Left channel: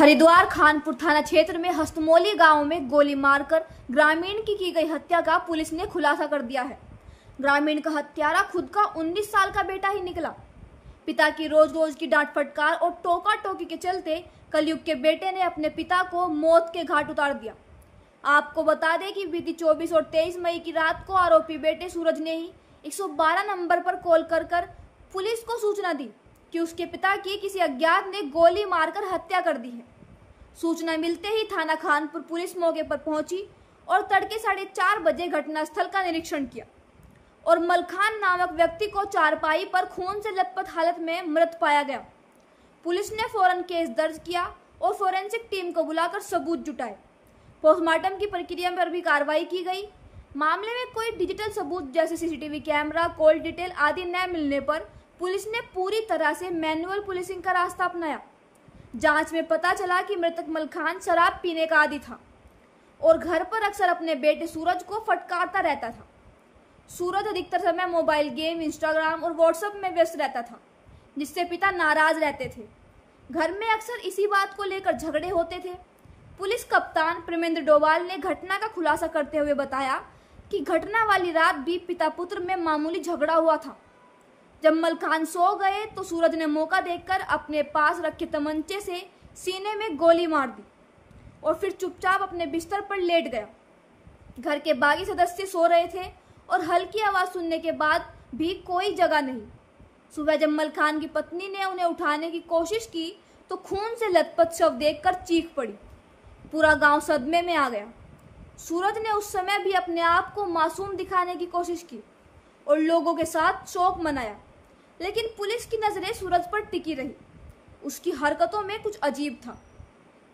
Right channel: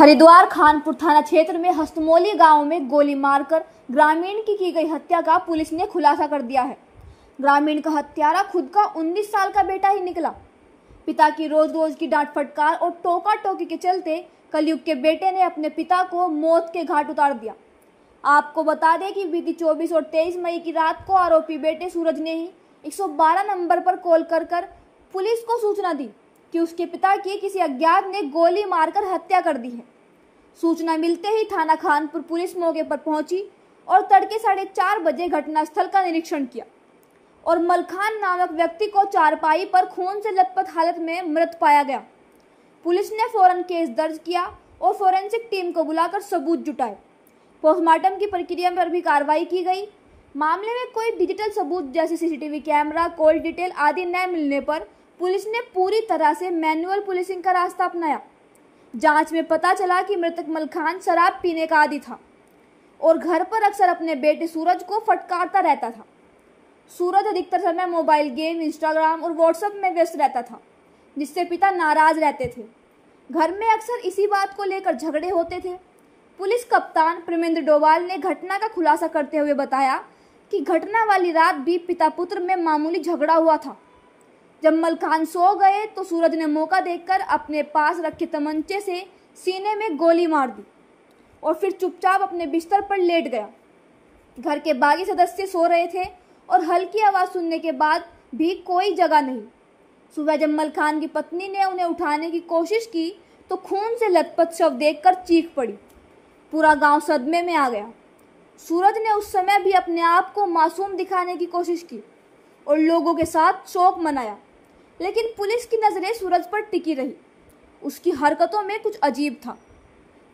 हरिद्वार खानपुर थाना क्षेत्र में हस्तमोली गांव में गोली मारकर ग्रामीण की गई हत्या का पुलिस ने खुलासा कर दिया है। ग्रामीण का हत्यारा खुद का 19 साल का बेटा ही निकला। पिता की रोज रोज की डांट फटकार और टोका टोकी के चलते कलयुग के बेटे ने अपने पिता को मौत के घाट उतार दिया। आपको बता दें कि बीती 24 और 23 मई की रात को आरोपी बेटे सूरज ने ही 112 नंबर पर कॉल कर पुलिस को सूचना दी कि उसके पिता की किसी अज्ञात ने गोली मारकर हत्या कर दी है। सूचना मिलते ही थाना खानपुर पुलिस मौके पर पहुंची और तड़के 4:30 बजे घटनास्थल का निरीक्षण किया और मलखान नामक व्यक्ति को चारपाई पर खून से लथपथ हालत में मृत पाया गया। पुलिस ने फौरन केस दर्ज किया और फोरेंसिक टीम को बुलाकर सबूत जुटाए। पोस्टमार्टम की प्रक्रिया पर भी कार्रवाई की गई। मामले में कोई डिजिटल सबूत जैसे सीसीटीवी कैमरा, कॉल डिटेल आदि न मिलने पर पुलिस ने पूरी तरह से मैनुअल पुलिसिंग का रास्ता अपनाया। जांच में पता चला कि मृतक मलखान शराब पीने का आदी था और घर पर अक्सर अपने बेटे सूरज को फटकारता रहता था। सूरज अधिकतर समय मोबाइल गेम, इंस्टाग्राम और व्हाट्सएप में व्यस्त रहता था, जिससे पिता नाराज रहते थे। घर में अक्सर इसी बात को लेकर झगड़े होते थे। पुलिस कप्तान प्रेमेंद्र डोभाल ने घटना का खुलासा करते हुए बताया कि घटना वाली रात भी पिता पुत्र में मामूली झगड़ा हुआ था। जब मलखान सो गए तो सूरज ने मौका देखकर अपने पास रखे तमंचे से सीने में गोली मार दी और फिर चुपचाप अपने बिस्तर पर लेट गया। घर के बाकी सदस्य सो रहे थे और हल्की आवाज सुनने के बाद भी कोई जगह नहीं। सुबह जब मलखान की पत्नी ने उन्हें उठाने की कोशिश की तो खून से लथपथ शव देखकर चीख पड़ी। पूरा गांव सदमे में आ गया। सूरज ने उस समय भी अपने आप को मासूम दिखाने की कोशिश की और लोगों के साथ शोक मनाया, लेकिन पुलिस की नजरें सूरज पर टिकी रही। उसकी हरकतों में कुछ अजीब था।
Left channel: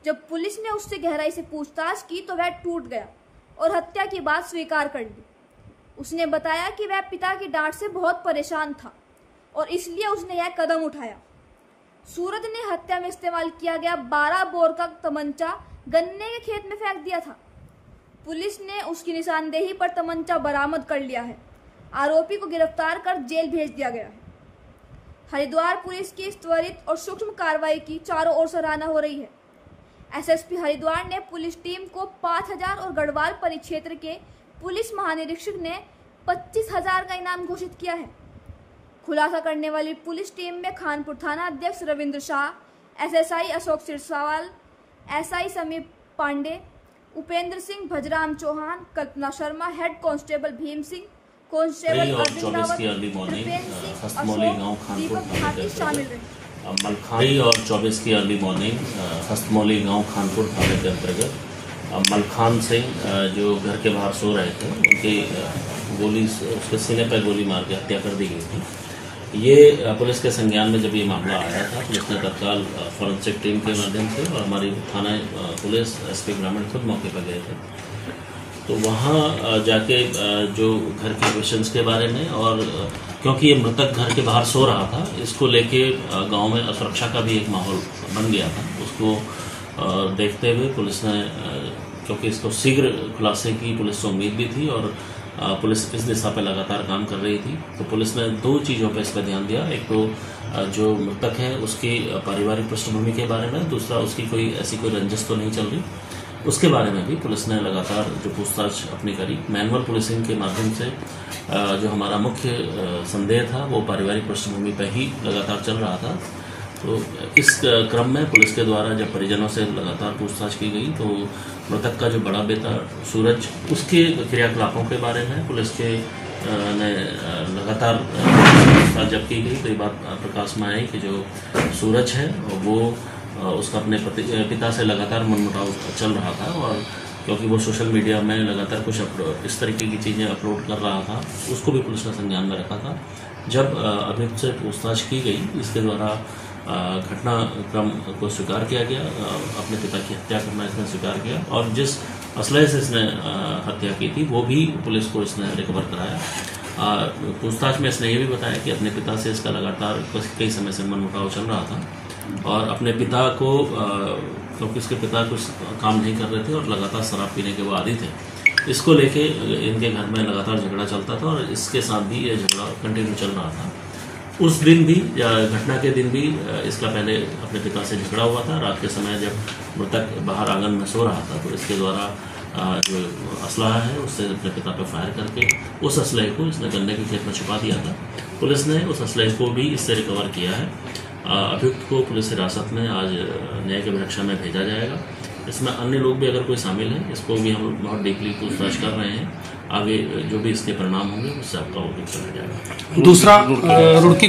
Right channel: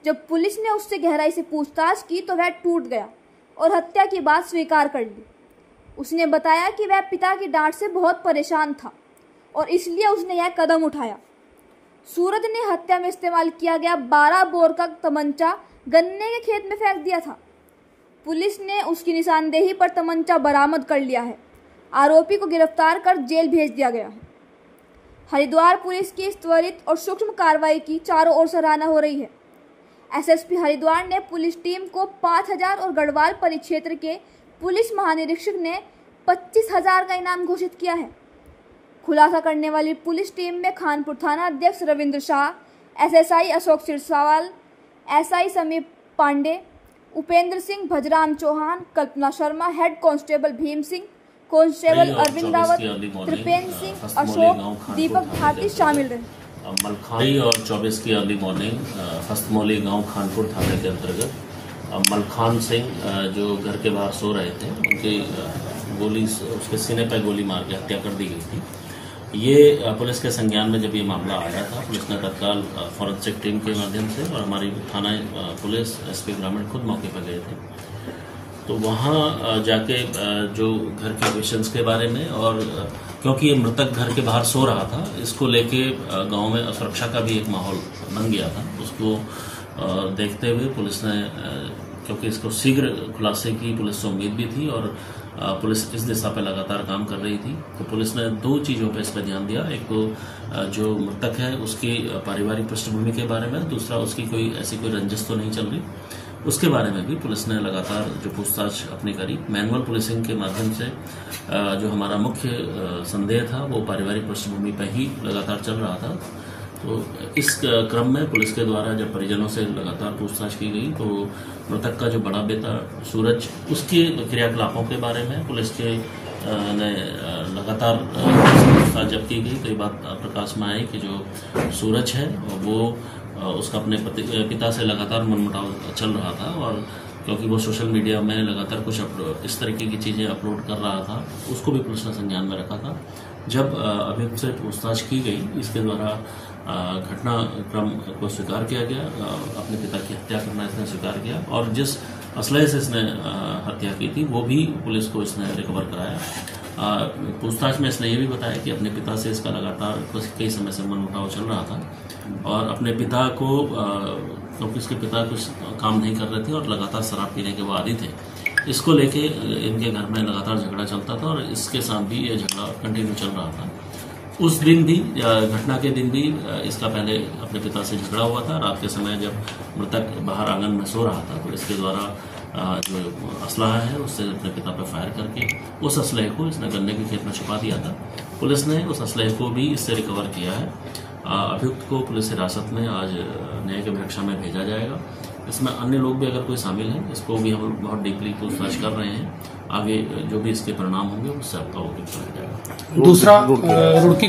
जब पुलिस ने उससे गहराई से पूछताछ की तो वह टूट गया और हत्या की बात स्वीकार कर ली। उसने बताया कि वह पिता की डांट से बहुत परेशान था और इसलिए उसने यह कदम उठाया। सूरज ने हत्या में इस्तेमाल किया गया 12 बोर का तमंचा गन्ने के खेत में फेंक दिया था। पुलिस ने उसकी निशानदेही पर तमंचा बरामद कर लिया है। आरोपी को गिरफ्तार कर जेल भेज दिया गया है। हरिद्वार पुलिस की इस त्वरित और सूक्ष्म कार्रवाई की चारों ओर सराहना हो रही है। एसएसपी हरिद्वार ने पुलिस टीम को 5000 और गढ़वाल परिक्षेत्र के पुलिस महानिरीक्षक ने 25,000 का इनाम घोषित किया है। खुलासा करने वाली पुलिस टीम में खानपुर थाना अध्यक्ष Ravindra Shah, SSI Ashok Sirsawal, SI Sameep Pande, Upendra Singh, Bhajram Chauhan, Kalpana Sharma, head constable Bhim Singh, constable Arvind Rawat, Tripendra Singh, Ashok, Deepak Bhati शामिल रहे। मलखान और 24 की अर्ली मॉर्निंग हस्तमोली गांव खानपुर थाने के अंतर्गत मलखान सिंह जो घर के बाहर सो रहे थे, उनकी गोली उसके सीने पर गोली मार के हत्या कर दी गई थी। ये पुलिस के संज्ञान में जब ये मामला आया था, पुलिस ने तत्काल फॉरेंसिक टीम के माध्यम से और हमारी थाना पुलिस एसपी ग्रामीण खुद मौके पर गए थे। तो वहाँ जाके जो घर के क्वेश्चंस के बारे में और क्योंकि ये मृतक घर के बाहर सो रहा था, इसको लेके गांव में असुरक्षा का भी एक माहौल बन गया था। उसको देखते हुए पुलिस ने, क्योंकि इसको शीघ्र खुलासे की पुलिस को उम्मीद भी थी और पुलिस इस दिशा पर लगातार काम कर रही थी, तो पुलिस ने 2 चीज़ों पर इसका ध्यान दिया। एक तो जो मृतक है उसकी पारिवारिक पृष्ठभूमि के बारे में, दूसरा उसकी कोई ऐसी कोई रंजिश तो नहीं चल रही, उसके बारे में भी पुलिस ने लगातार जो पूछताछ अपनी करी। मैनुअल पुलिसिंग के माध्यम से जो हमारा मुख्य संदेह था वो पारिवारिक पृष्ठभूमि पर ही लगातार चल रहा था। तो इस क्रम में पुलिस के द्वारा जब परिजनों से लगातार पूछताछ की गई तो मृतक का जो बड़ा बेटा सूरज, उसके क्रियाकलापों के बारे में पुलिस के ने लगातार पूछताछ जब की गई तो ये बात प्रकाश में आई कि जो सूरज है वो उसका अपने पिता से लगातार मनमुटाव चल रहा था और क्योंकि वो सोशल मीडिया में लगातार कुछ इस तरीके की चीज़ें अपलोड कर रहा था, उसको भी पुलिस ने संज्ञान में रखा था। जब अभियुक्त से पूछताछ की गई, इसके द्वारा घटनाक्रम को स्वीकार किया गया, अपने पिता की हत्या करना इसने स्वीकार किया और जिस असलहे से इसने हत्या की थी वो भी पुलिस को इसने रिकवर कराया। पूछताछ में इसने ये भी बताया कि अपने पिता से इसका लगातार कई समय से मनमुटाव चल रहा था और अपने पिता को, क्योंकि इसके पिता कुछ काम नहीं कर रहे थे और लगातार शराब पीने के वो आदी थे, इसको लेके इनके घर में लगातार झगड़ा चलता था और इसके साथ भी ये झगड़ा कंटिन्यू चल रहा था। उस दिन भी घटना के दिन भी इसका पहले अपने पिता से झगड़ा हुआ था। रात के समय जब मृतक बाहर आंगन में सो रहा था तो इसके द्वारा जो असलहा है उससे अपने पिता पर फायर करके उस असलहे को इसने गन्ने के खेत में छुपा दिया था। पुलिस ने उस असलहे को भी इससे रिकवर किया है। अभियुक्त को पुलिस हिरासत में आज न्यायिक अभिरक्षा में भेजा जाएगा। इसमें अन्य लोग भी अगर कोई शामिल है इसको भी हम बहुत डीपली पूछताछ कर रहे हैं। आगे जो भी इसके परिणाम होंगे उससे आपका वो कराया जाएगा। दूसरा रुड़की